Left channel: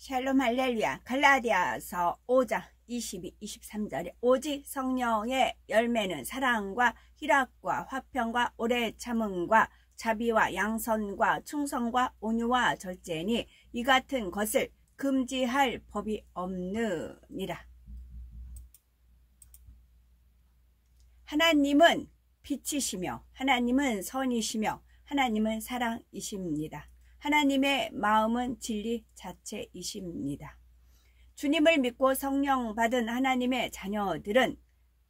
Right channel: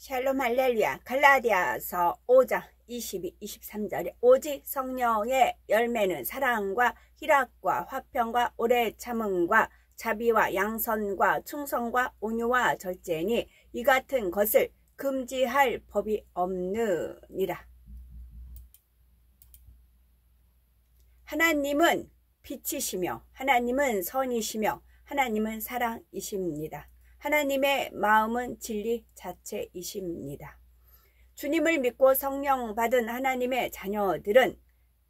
샬롬 할렐루야. 갈라디아서 5장 22, 23절에 오직 성령의 열매는 사랑과 희락과 화평과 오래 참음과 자비와 양선과 충성과 온유와 절제니 이 같은 것을 금지할 법이 없느니라. 하나님은 빛이시며 하나님은 선이시며 하나님은 사랑이십니다. 하나님의 마음은 진리 자체이십니다. 주님을 믿고 성령 받은 하나님의 자녀들은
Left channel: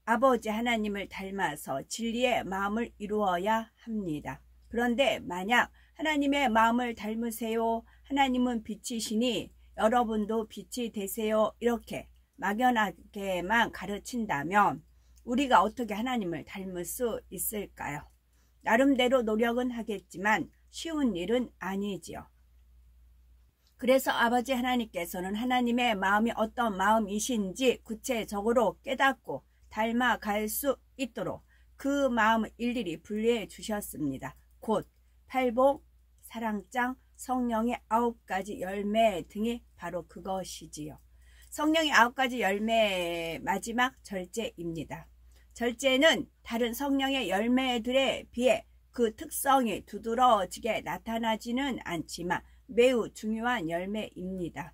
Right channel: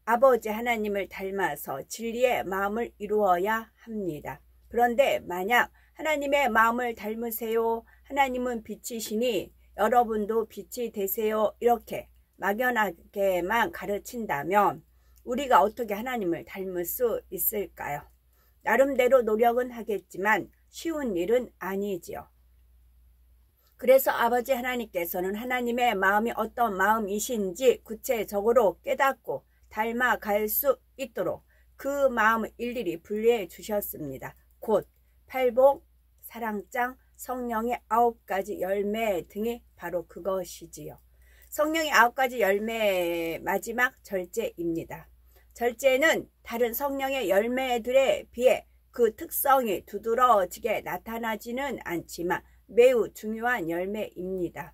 아버지 하나님을 닮아서 진리의 마음을 이루어야 합니다. 그런데 만약 하나님의 마음을 닮으세요, 하나님은 빛이시니 여러분도 빛이 되세요, 이렇게 막연하게만 가르친다면 우리가 어떻게 하나님을 닮을 수 있을까요? 나름대로 노력은 하겠지만 쉬운 일은 아니지요. 그래서 아버지 하나님께서는 하나님의 마음이 어떤 마음이신지 구체적으로 깨닫고 닮아갈 수 있도록 그 마음을 일일이 분리해 주셨습니다. 곧 팔복, 사랑장, 성령의 9가지 열매 등이 바로 그것이지요. 성령의 9가지 열매 마지막 절제입니다. 절제는 다른 성령의 열매들에 비해 그 특성이 두드러지게 나타나지는 않지만 매우 중요한 열매입니다.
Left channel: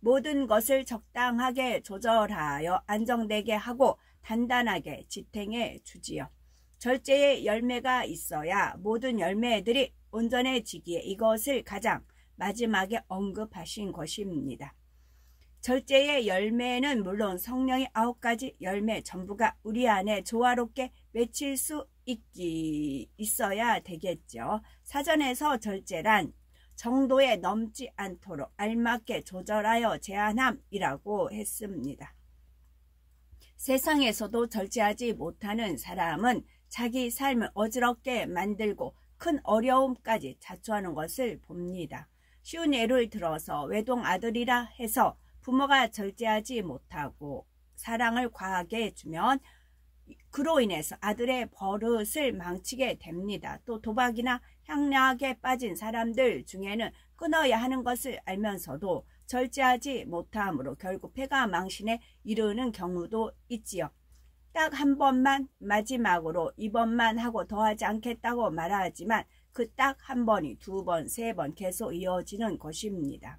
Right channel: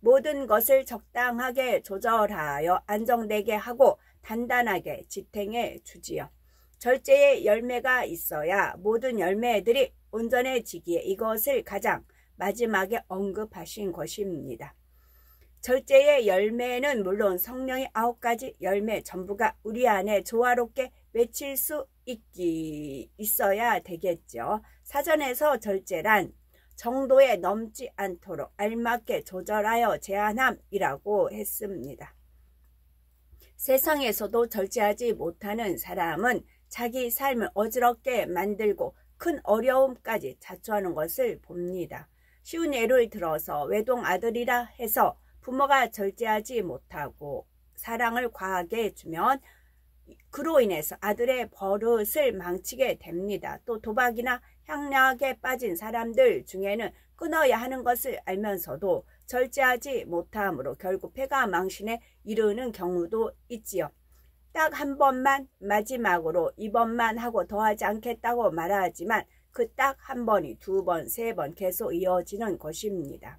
모든 것을 적당하게 조절하여 안정되게 하고 단단하게 지탱해 주지요. 절제의 열매가 있어야 모든 열매들이 온전해지기에 이것을 가장 마지막에 언급하신 것입니다. 절제의 열매는 물론 성령의 9가지 열매 전부가 우리 안에 조화롭게 맺힐 수 있어야 되겠죠. 사전에서 절제란 정도에 넘지 않도록 알맞게 조절하여 제한함이라고 했습니다. 세상에서도 절제하지 못하는 사람은 자기 삶을 어지럽게 만들고 큰 어려움까지 자초하는 것을 봅니다. 쉬운 예를 들어서 외동 아들이라 해서 부모가 절제하지 못하고 사랑을 과하게 해주면 그로 인해서 아들의 버릇을 망치게 됩니다. 또 도박이나 향락에 빠진 사람들 중에는 끊어야 하는 것을 알면서도 절제하지 못함으로 결국 패가 망신에 이르는 경우도 있지요. 딱 한 번만 마지막으로 이번만 하고 더하지 않겠다고 말하지만 그 딱 한 번이 2번, 3번 계속 이어지는 것입니다.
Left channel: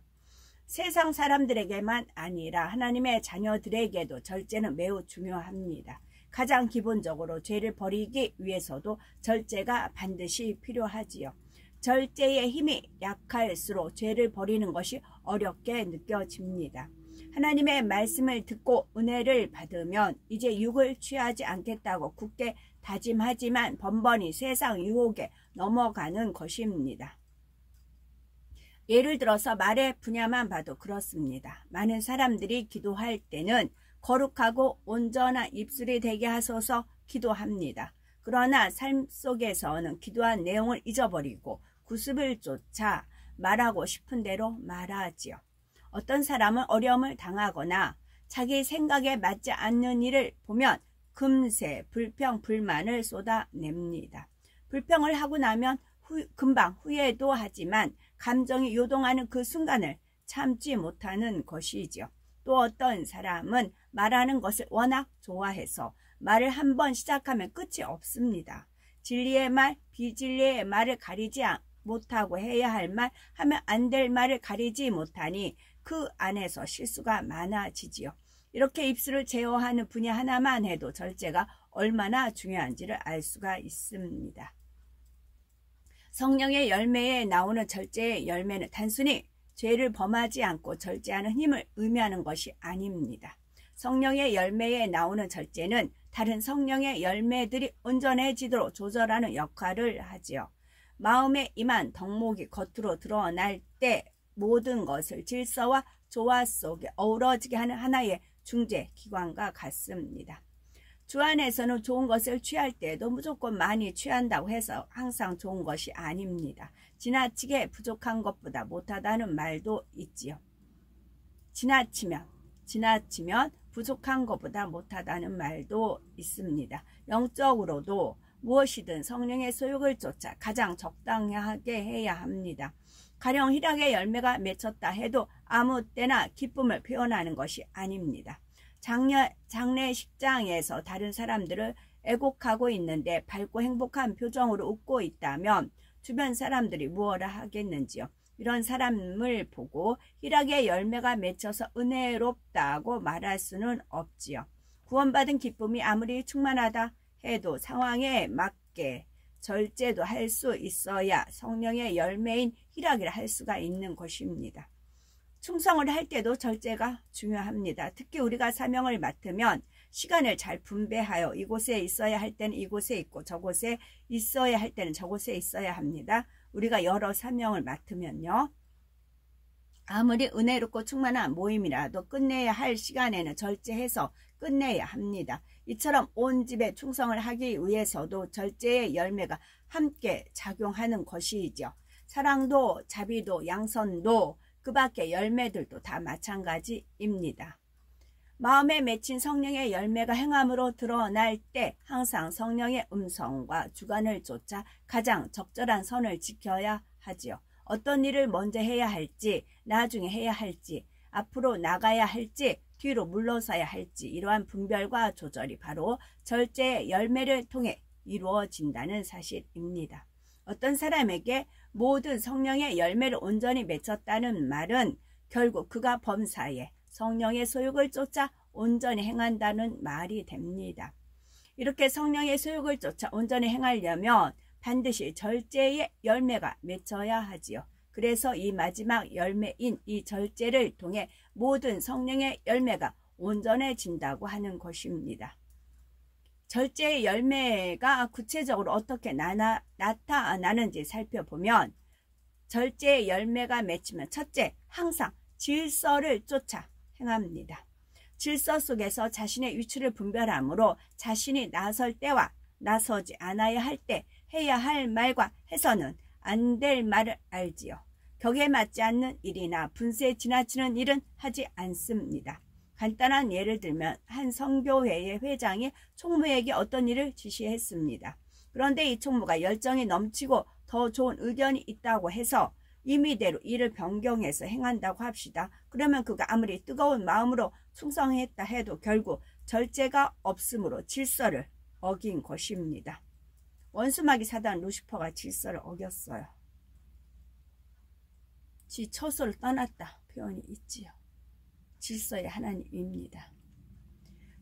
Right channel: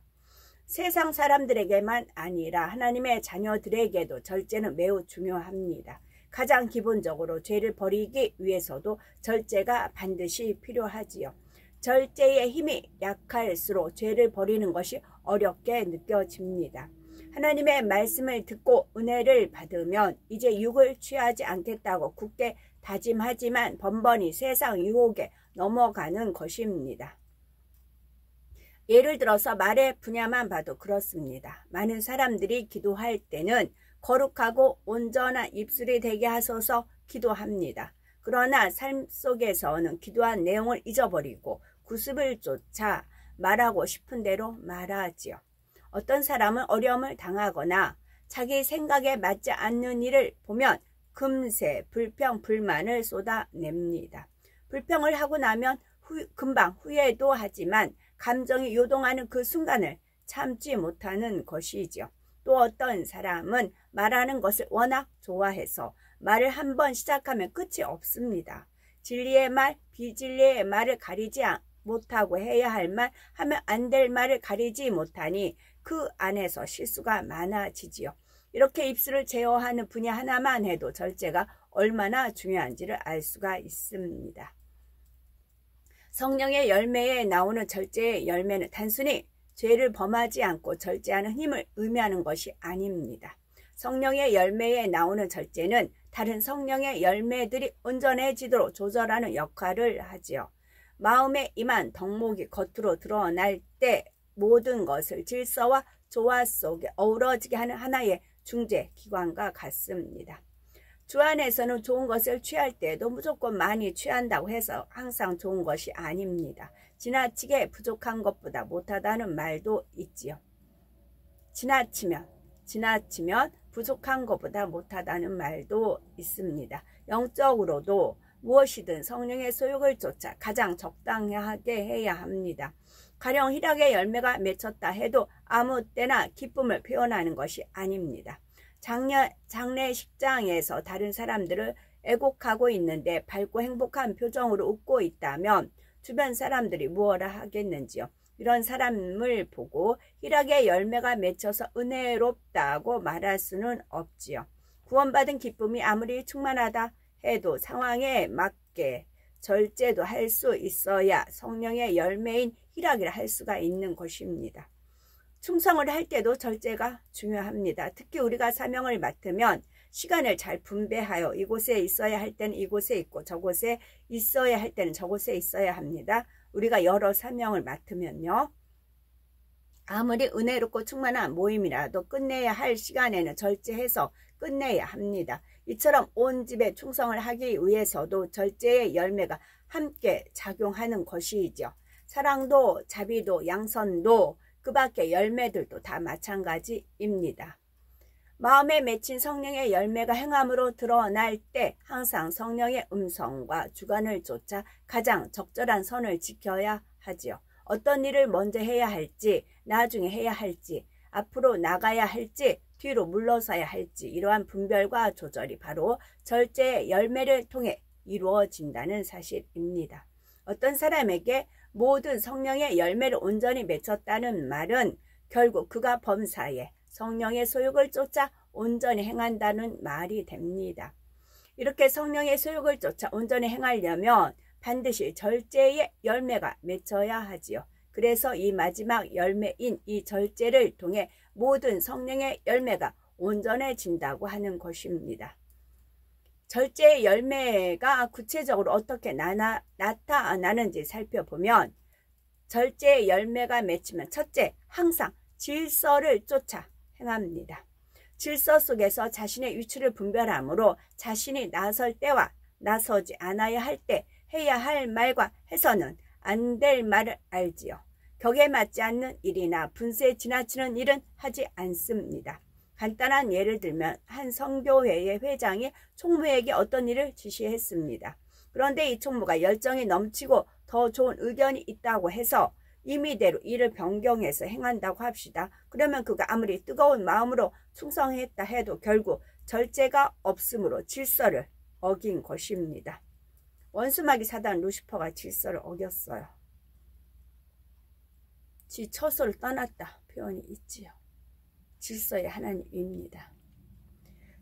세상 사람들에게만 아니라 하나님의 자녀들에게도 절제는 매우 중요합니다. 가장 기본적으로 죄를 버리기 위해서도 절제가 반드시 필요하지요. 절제의 힘이 약할수록 죄를 버리는 것이 어렵게 느껴집니다. 하나님의 말씀을 듣고 은혜를 받으면 이제 육을 취하지 않겠다고 굳게 다짐하지만 번번이 세상 유혹에 넘어가는 것입니다. 예를 들어서 말의 분야만 봐도 그렇습니다. 많은 사람들이 기도할 때는 거룩하고 온전한 입술이 되게 하소서 기도합니다. 그러나 삶 속에서는 기도한 내용을 잊어버리고 구습을 쫓아 말하고 싶은 대로 말하지요. 어떤 사람은 어려움을 당하거나 자기 생각에 맞지 않는 일을 보면 금세 불평, 불만을 쏟아냅니다. 불평을 하고 나면 금방 후회도 하지만 감정이 요동하는 그 순간을 참지 못하는 것이지요. 또 어떤 사람은 말하는 것을 워낙 좋아해서 말을 한번 시작하면 끝이 없습니다. 진리의 말, 비진리의 말을 가리지 못하고 해야 할 말, 하면 안 될 말을 가리지 못하니 그 안에서 실수가 많아지지요. 이렇게 입술을 제어하는 분야 하나만 해도 절제가 얼마나 중요한지를 알 수가 있습니다. 성령의 열매에 나오는 절제의 열매는 단순히 죄를 범하지 않고 절제하는 힘을 의미하는 것이 아닙니다. 성령의 열매에 나오는 절제는 다른 성령의 열매들이 온전해지도록 조절하는 역할을 하지요. 마음에 임한 덕목이 겉으로 드러날 때 모든 것을 질서와 조화 속에 어우러지게 하는 하나의 중재 기관과 같습니다. 주 안에서는 좋은 것을 취할 때에도 무조건 많이 취한다고 해서 항상 좋은 것이 아닙니다. 지나치게 부족한 것보다 못하다는 말도 있지요. 지나치면 부족한 것보다 못하다는 말도 있습니다. 영적으로도 무엇이든 성령의 소욕을 쫓아 가장 적당하게 해야 합니다. 가령 희락의 열매가 맺혔다 해도 아무 때나 기쁨을 표현하는 것이 아닙니다. 장례식장에서 다른 사람들을 애곡하고 있는데 밝고 행복한 표정으로 웃고 있다면 주변 사람들이 무엇라 하겠는지요. 이런 사람을 보고 희락의 열매가 맺혀서 은혜롭다고 말할 수는 없지요. 구원받은 기쁨이 아무리 충만하다 해도 상황에 맞게 절제도 할 수 있어야 성령의 열매인 희락이라 할 수가 있는 것입니다. 충성을 할 때도 절제가 중요합니다. 특히 우리가 사명을 맡으면 시간을 잘 분배하여 이곳에 있어야 할 때는 이곳에 있고 저곳에 있어야 할 때는 저곳에 있어야 합니다. 우리가 여러 사명을 맡으면요. 아무리 은혜롭고 충만한 모임이라도 끝내야 할 시간에는 절제해서 끝내야 합니다. 이처럼 온 집에 충성을 하기 위해서도 절제의 열매가 함께 작용하는 것이죠. 사랑도 자비도 양선도 그 밖의 열매들도 다 마찬가지입니다. 마음에 맺힌 성령의 열매가 행함으로 드러날 때 항상 성령의 음성과 주관을 쫓아 가장 적절한 선을 지켜야 하지요. 어떤 일을 먼저 해야 할지, 나중에 해야 할지, 앞으로 나가야 할지, 뒤로 물러서야 할지 이러한 분별과 조절이 바로 절제의 열매를 통해 이루어진다는 사실입니다. 어떤 사람에게 모든 성령의 열매를 온전히 맺혔다는 말은 결국 그가 범사에 성령의 소욕을 쫓아 온전히 행한다는 말이 됩니다. 이렇게 성령의 소욕을 쫓아 온전히 행하려면 반드시 절제의 열매가 맺혀야 하지요. 그래서 이 마지막 열매인 이 절제를 통해 모든 성령의 열매가 온전해진다고 하는 것입니다. 절제의 열매가 구체적으로 어떻게 나타나는지 살펴보면 절제의 열매가 맺히면 첫째, 항상 질서를 쫓아 행합니다. 질서 속에서 자신의 위치를 분별함으로 자신이 나설 때와 나서지 않아야 할 때 해야 할 말과 해서는 안 될 말을 알지요. 격에 맞지 않는 일이나 분수에 지나치는 일은 하지 않습니다. 간단한 예를 들면 한 선교회의 회장이 총무에게 어떤 일을 지시했습니다. 그런데 이 총무가 열정이 넘치고 더 좋은 의견이 있다고 해서 임의대로 일을 변경해서 행한다고 합시다. 그러면 그가 아무리 뜨거운 마음으로 충성했다 해도 결국 절제가 없으므로 질서를 어긴 것입니다. 원수마귀 사단 루시퍼가 질서를 어겼어요. 지 처소를 떠났다 표현이 있지요. 질서의 하나님입니다.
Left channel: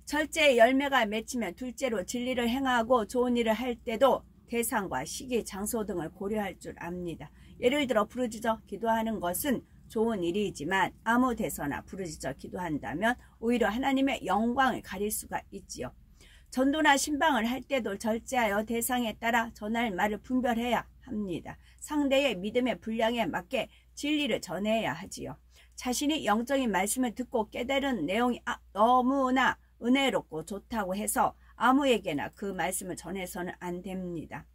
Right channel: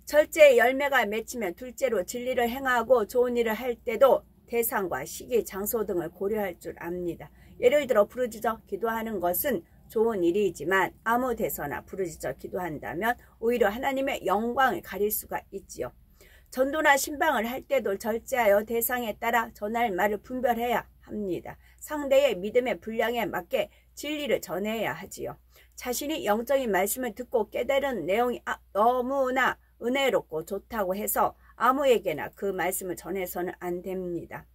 절제의 열매가 맺히면 둘째로 진리를 행하고 좋은 일을 할 때도 대상과 시기, 장소 등을 고려할 줄 압니다. 예를 들어 부르짖어 기도하는 것은 좋은 일이지만 아무 데서나 부르짖어 기도한다면 오히려 하나님의 영광을 가릴 수가 있지요. 전도나 신방을 할 때도 절제하여 대상에 따라 전할 말을 분별해야 합니다. 상대의 믿음의 분량에 맞게 진리를 전해야 하지요. 자신이 영적인 말씀을 듣고 깨달은 내용이 너무나 은혜롭고 좋다고 해서 아무에게나 그 말씀을 전해서는 안 됩니다.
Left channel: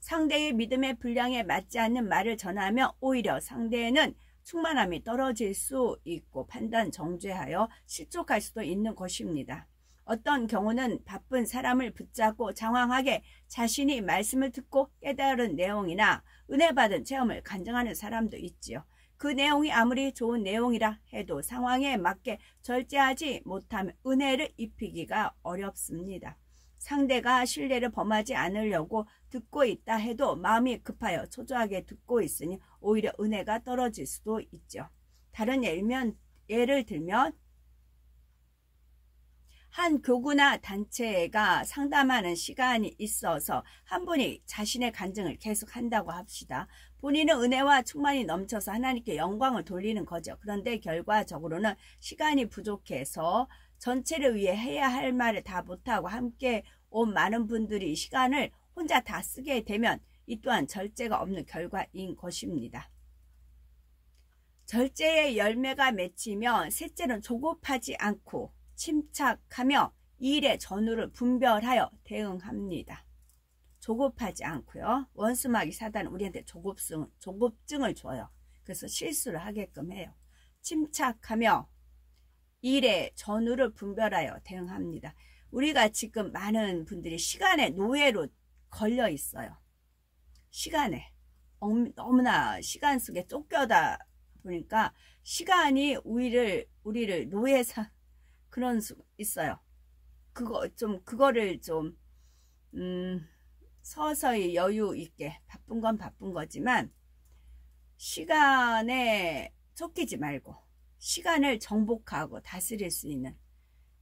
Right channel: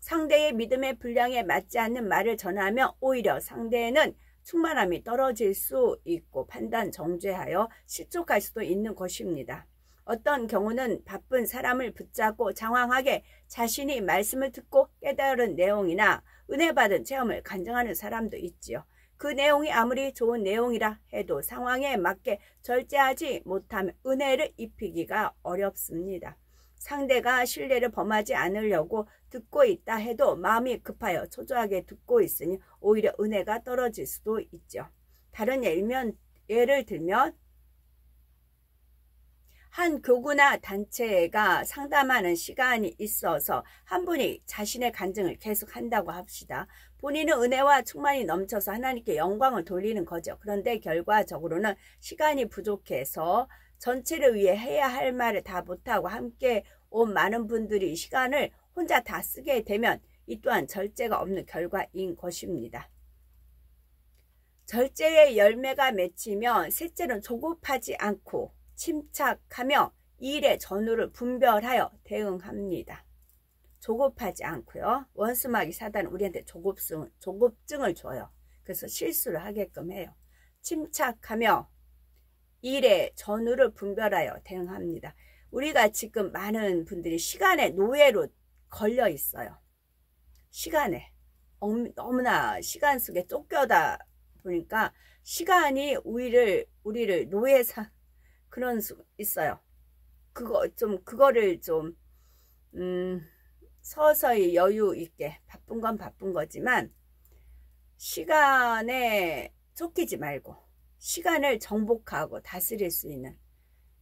상대의 믿음의 분량에 맞지 않는 말을 전하면 오히려 상대에는 충만함이 떨어질 수 있고 판단 정죄하여 실족할 수도 있는 것입니다. 어떤 경우는 바쁜 사람을 붙잡고 장황하게 자신이 말씀을 듣고 깨달은 내용이나 은혜 받은 체험을 간증하는 사람도 있지요. 그 내용이 아무리 좋은 내용이라 해도 상황에 맞게 절제하지 못하면 은혜를 입히기가 어렵습니다. 상대가 신뢰를 범하지 않으려고 듣고 있다 해도 마음이 급하여 초조하게 듣고 있으니 오히려 은혜가 떨어질 수도 있죠. 다른 예를 들면 한 교구나 단체가 상담하는 시간이 있어서 한 분이 자신의 간증을 계속한다고 합시다. 본인은 은혜와 충만이 넘쳐서 하나님께 영광을 돌리는 거죠. 그런데 결과적으로는 시간이 부족해서 전체를 위해 해야 할 말을 다 못하고 함께 온 많은 분들이 시간을 혼자 다 쓰게 되면 이 또한 절제가 없는 결과인 것입니다. 절제의 열매가 맺히면 셋째는 조급하지 않고 침착하며 일의 전후를 분별하여 대응합니다. 조급하지 않고요. 원수마귀 사단은 우리한테 조급증을 줘요. 그래서 실수를 하게끔 해요. 침착하며 일의 전후를 분별하여 대응합니다. 우리가 지금 많은 분들이 시간의 노예로 걸려 있어요. 시간에 너무나 시간 속에 쫓겨다 보니까 시간이 우리를 노예사 그런 수 있어요. 그거를 좀 서서히 여유 있게, 바쁜 건 바쁜 거지만 시간에 쫓기지 말고 시간을 정복하고 다스릴 수 있는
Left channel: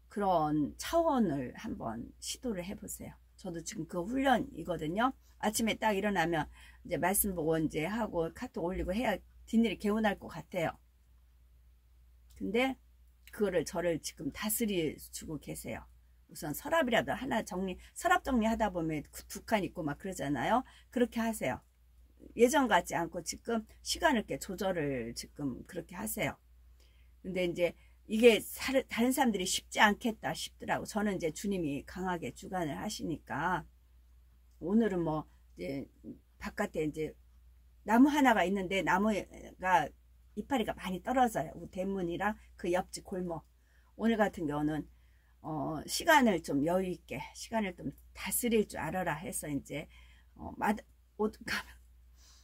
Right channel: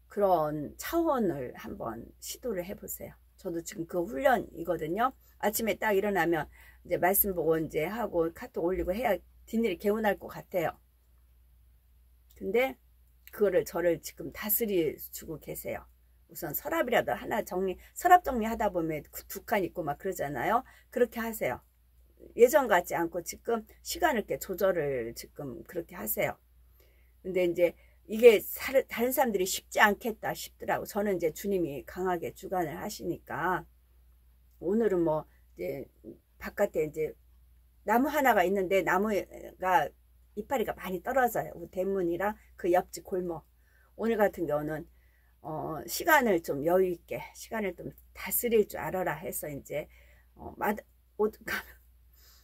그런 차원을 한번 시도를 해보세요. 저도 지금 그 훈련이거든요. 아침에 딱 일어나면 이제 말씀 보고 이제 하고 카톡 올리고 해야 뒷일이 개운할 것 같아요. 근데 그거를 저를 지금 다스려 주고 계세요. 우선 서랍이라도 하나 서랍 정리하다 보면 두 칸 있고 막 그러잖아요. 그렇게 하세요. 예전 같지 않고 지금 시간을 이렇게 조절을 지금 그렇게 하세요. 근데 이제 이게 다른 사람들이 쉽지 않겠다 싶더라고. 저는 이제 주님이 강하게 주관을 하시니까 오늘은 뭐 이제 바깥에 이제 나무 하나가 있는데 나무가 이파리가 많이 떨어져요. 대문이랑 그 옆집 골목. 오늘 같은 경우는 시간을 좀 여유 있게 시간을 좀 다스릴 줄 알아라 해서 이제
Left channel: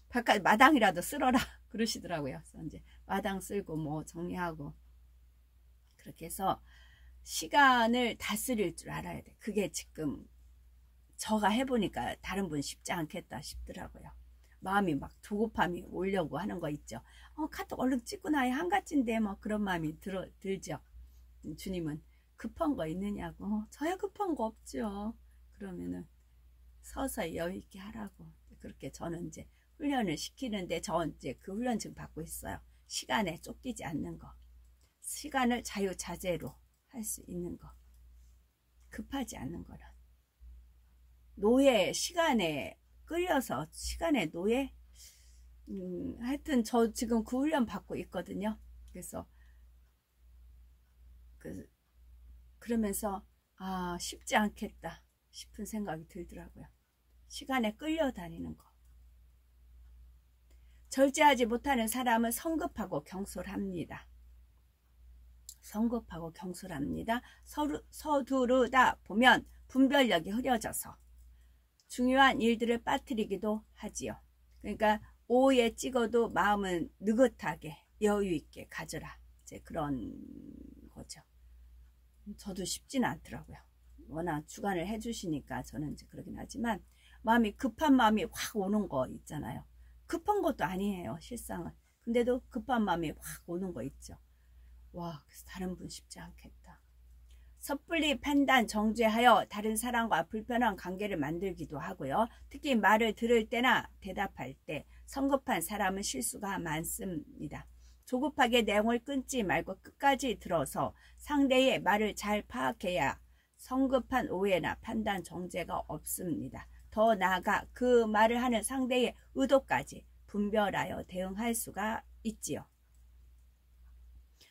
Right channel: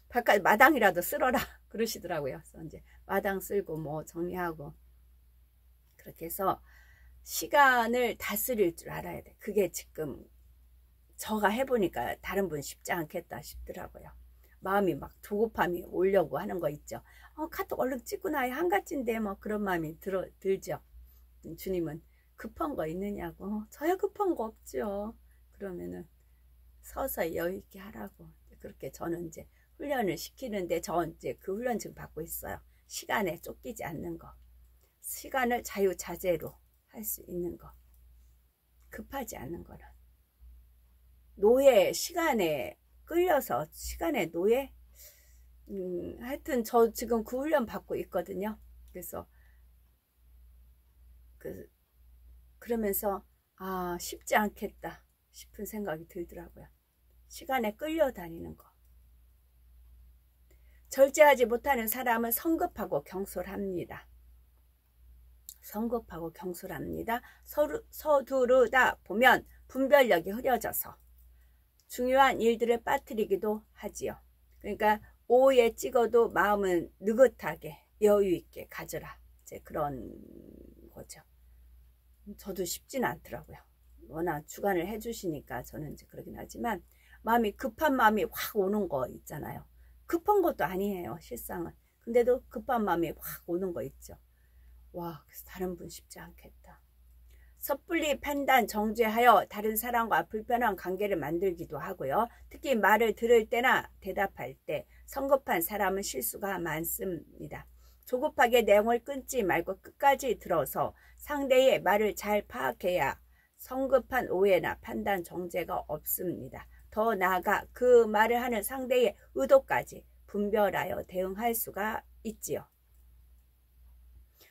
바깥 마당이라도 쓸어라 그러시더라고요. 그래서 이제 마당 쓸고 뭐 정리하고 그렇게 해서 시간을 다스릴 줄 알아야 돼. 그게 지금 저가 해보니까 다른 분 쉽지 않겠다 싶더라고요. 마음이 막 조급함이 오려고 하는 거 있죠. 카톡 얼른 찍고 나야 한가지인데 뭐 그런 마음이 들죠. 주님은 급한 거 있느냐고. 저야 급한 거 없죠. 그러면은 서서히 여유 있게 하라고. 그렇게 저는 이제 훈련을 시키는데 저 이제 그 훈련 지금 받고 있어요. 시간에 쫓기지 않는 거. 시간을 자유자재로 할 수 있는 거. 급하지 않는 거는. 노예, 시간에 끌려서 시간의 노예? 하여튼 저 지금 그 훈련 받고 있거든요. 그래서 그러면서 쉽지 않겠다 싶은 생각이 들더라고요. 시간에 끌려다니는 거. 절제하지 못하는 사람은 성급하고 경솔합니다. 성급하고 경솔합니다. 서두르다 보면 분별력이 흐려져서 중요한 일들을 빠뜨리기도 하지요. 그러니까 오에 찍어도 마음은 느긋하게 여유 있게 가져라. 이제 그런 거죠. 저도 쉽지는 않더라고요. 워낙 주관을 해주시니까 저는 이제 그러긴 하지만 마음이 급한 마음이 확 오는 거 있잖아요. 급한 것도 아니에요, 실상은. 근데도 급한 마음이 확 오는 거 있죠. 와, 그래서 다른 분 쉽지 않겠다. 섣불리 판단, 정죄하여 다른 사람과 불편한 관계를 만들기도 하고요. 특히 말을 들을 때나 대답할 때 성급한 사람은 실수가 많습니다. 조급하게 내용을 끊지 말고 끝까지 들어서 상대의 말을 잘 파악해야 성급한 오해나 판단, 정죄가 없습니다. 더 나아가 그 말을 하는 상대의 의도까지 분별하여 대응할 수가 있지요.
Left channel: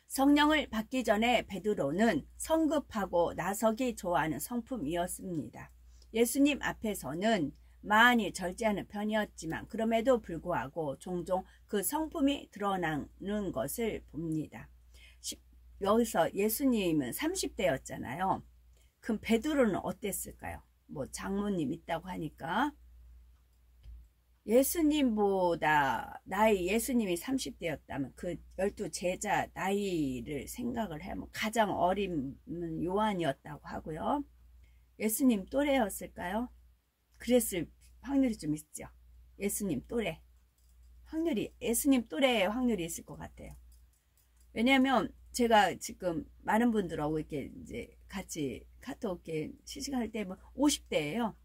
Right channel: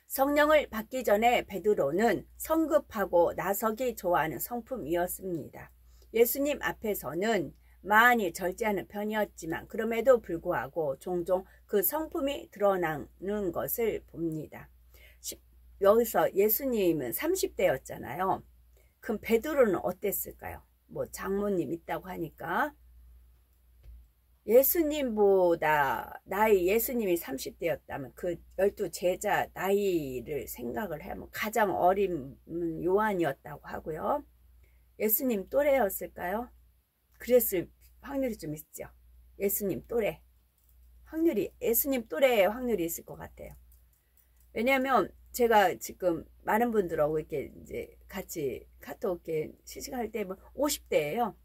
성령을 받기 전에 베드로는 성급하고 나서기 좋아하는 성품이었습니다. 예수님 앞에서는 많이 절제하는 편이었지만 그럼에도 불구하고 종종 그 성품이 드러나는 것을 봅니다. 여기서 예수님은 30대였잖아요. 그럼 베드로는 어땠을까요? 뭐 장모님 있다고 하니까 예수님보다 예수님이 30대였다면 그 12제자 나이를 생각을 하면 가장 어린 요한이었다고 하고요. 예수님 또래였을까요? 그랬을 확률이 좀 있죠. 예수님 또래. 예수님 또래의 확률이 있을 것 같아요. 왜냐하면 제가 지금 많은 분들하고 이렇게 이제 같이 카톡 이렇게 시식할 때 50대예요.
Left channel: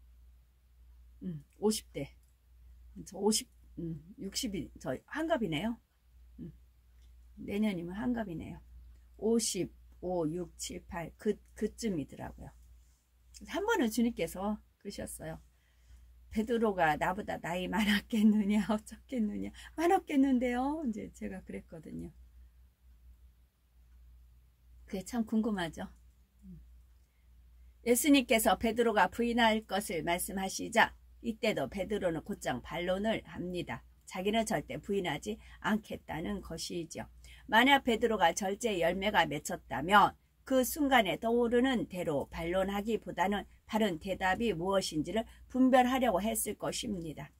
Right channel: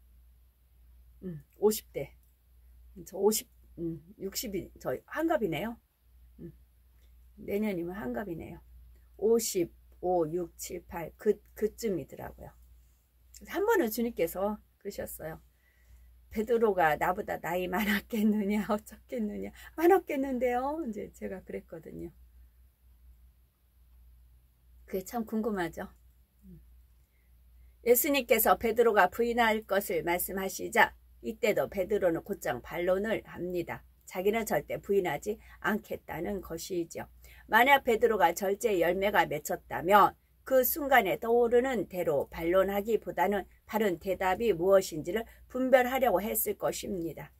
50대. 저 60이 저 한갑이네요. 내년이면 한갑이네요. 55, 6, 7, 8 그쯤이더라고요. 한 번은 주님께서 그러셨어요. 베드로가 나보다 나이 많았겠느냐 어쩌겠느냐. 많았겠는데요. 이제 제가 그랬거든요. 그게 참 궁금하죠. 예수님께서 베드로가 부인할 것을 말씀하시자 이때도 베드로는 곧장 반론을 합니다. 자기는 절대 부인하지 않겠다는 것이죠. 만약 베드로가 절제 열매가 맺혔다면 그 순간에 떠오르는 대로 반론하기보다는 바른 대답이 무엇인지를 분별하려고 했을 것입니다.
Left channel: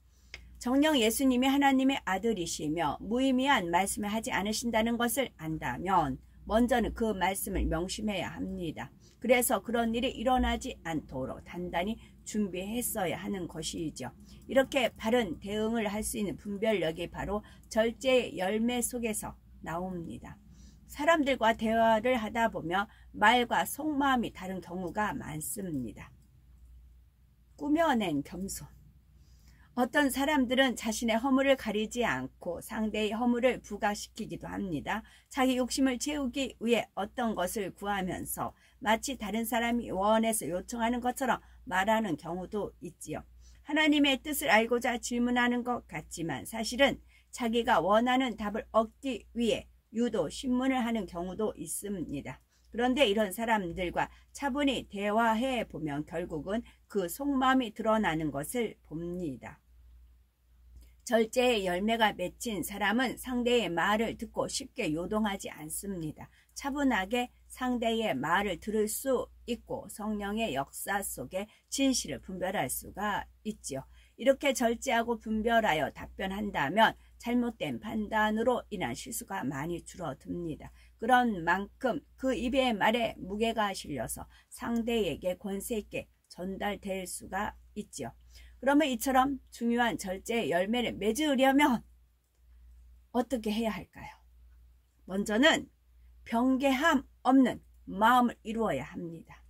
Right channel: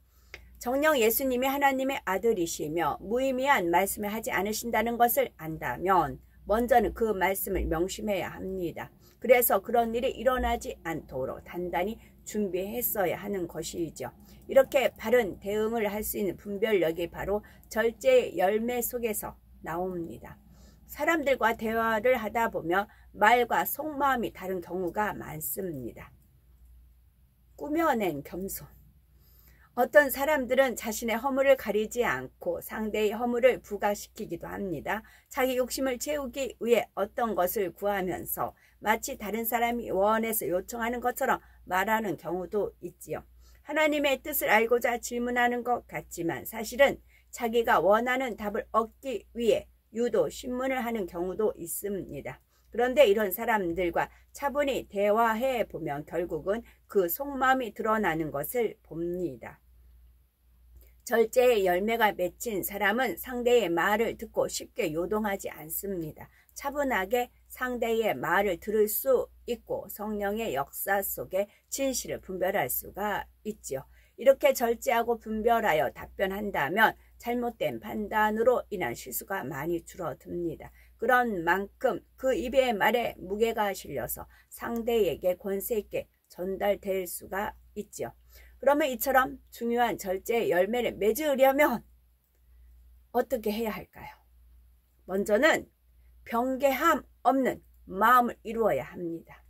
정녕 예수님이 하나님의 아들이시며 무의미한 말씀을 하지 않으신다는 것을 안다면 먼저는 그 말씀을 명심해야 합니다. 그래서 그런 일이 일어나지 않도록 단단히 준비했어야 하는 것이죠. 이렇게 바른 대응을 할 수 있는 분별력이 바로 절제의 열매 속에서 나옵니다. 사람들과 대화를 하다 보면 말과 속마음이 다른 경우가 많습니다. 꾸며낸 겸손. 어떤 사람들은 자신의 허물을 가리지 않고 상대의 허물을 부각시키기도 합니다. 자기 욕심을 채우기 위해 어떤 것을 구하면서 마치 다른 사람이 원해서 요청하는 것처럼 말하는 경우도 있지요. 하나님의 뜻을 알고자 질문하는 것 같지만 사실은 자기가 원하는 답을 얻기 위해 유도 신문을 하는 경우도 있습니다. 그런데 이런 사람들과 차분히 대화해 보면 결국은 그 속마음이 드러나는 것을 봅니다. 절제의 열매가 맺힌 사람은 상대의 말을 듣고 쉽게 요동하지 않습니다. 차분하게 상대의 말을 들을 수 있고 성령의 역사 속에 진실을 분별할 수가 있지요. 이렇게 절제하고 분별하여 답변한다면 잘못된 판단으로 인한 실수가 많이 줄어듭니다. 그런 만큼 그 입의 말에 무게가 실려서 상대에게 권세 있게 전달될 수가 있죠. 그러면 이처럼 중요한 절제의 열매를 맺으려면 어떻게 해야 할까요? 먼저는 변개함 없는 마음을 이루어야 합니다.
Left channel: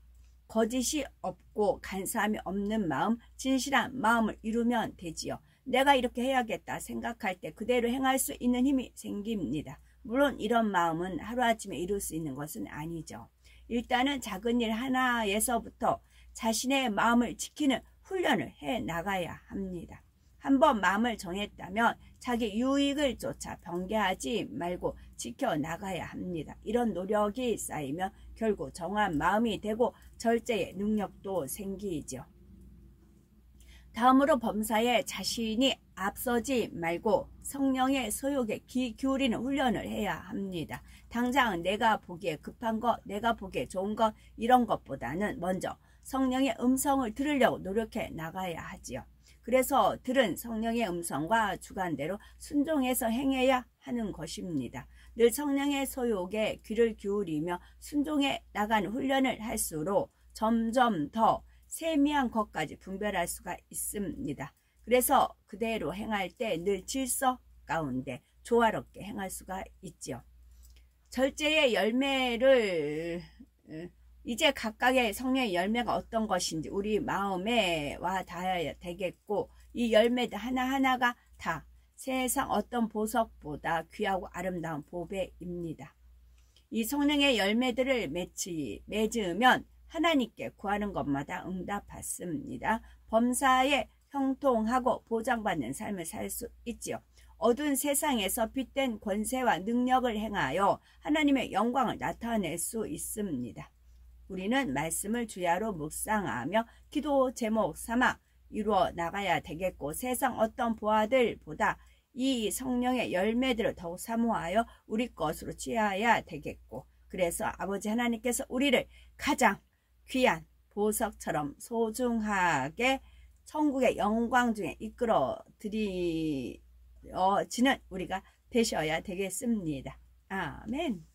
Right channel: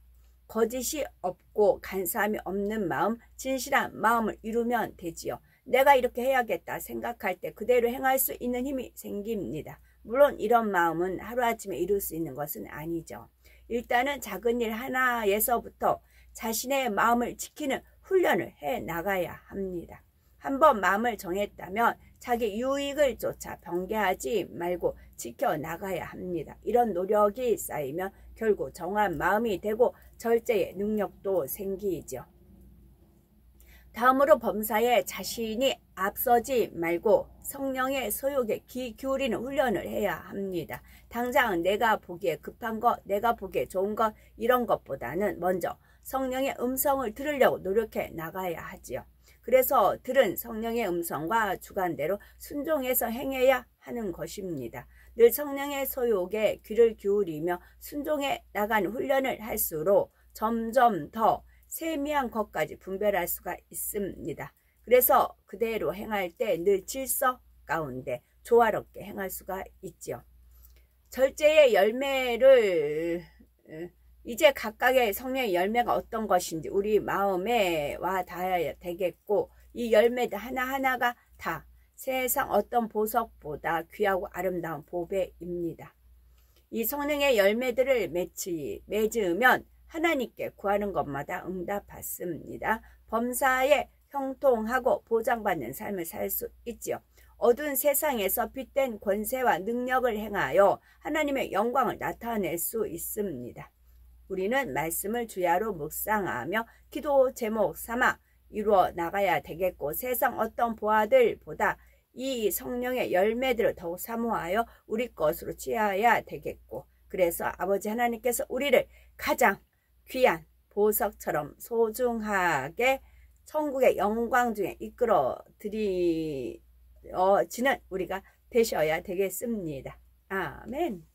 거짓이 없고 간사함이 없는 마음, 진실한 마음을 이루면 되지요. 내가 이렇게 해야겠다 생각할 때 그대로 행할 수 있는 힘이 생깁니다. 물론 이런 마음은 하루아침에 이룰 수 있는 것은 아니죠. 일단은 작은 일 하나에서부터 자신의 마음을 지키는 훈련을 해 나가야 합니다. 한번 마음을 정했다면 자기 유익을 쫓아 변개하지 말고 지켜나가야 합니다. 이런 노력이 쌓이면 결국 정한 마음이 되고 절제의 능력도 생기죠. 다음으로 범사에 자신이 앞서지 말고 성령의 소욕에 귀 기울이는 훈련을 해야 합니다. 당장 내가 보기에 급한 것, 내가 보기에 좋은 것 이런 것보다는 먼저 성령의 음성을 들으려고 노력해 나가야 하지요. 그래서 들은 성령의 음성과 주관대로 순종해서 행해야 하는 것입니다. 늘 성령의 소욕에 귀를 기울이며 순종해 나가는 훈련을 할수록 점점 더 세미한 것까지 분별할 수가 있습니다. 그래서 그대로 행할 때 늘 질서 가운데 조화롭게 행할 수가 있죠. 절제의 열매를 이제 각각의 성령의 열매가 어떤 것인지 우리 마음에 와 닿아야 되겠고 이 열매들 하나하나가 다 세상 어떤 보석보다 귀하고 아름다운 보배입니다. 이 성령의 열매들을 맺으면 하나님께 구하는 것마다 응답받습니다. 범사에 형통하고 보장받는 삶을 살 수 있지요. 어두운 세상에서 빛된 권세와 능력을 행하여 하나님의 영광을 나타낼 수 있습니다. 우리는 말씀을 주야로 묵상하며 기도 제목 삼아 이루어 나가야 되겠고 세상 어떤 보아들보다 이 성령의 열매들을 더욱 사모하여 우리 것으로 취해야 되겠고 그래서 아버지 하나님께서 우리를 가장 귀한 보석처럼 소중하게 천국의 영광 중에 이끌어 드리지는 우리가 되셔야 되겠습니다. 아멘.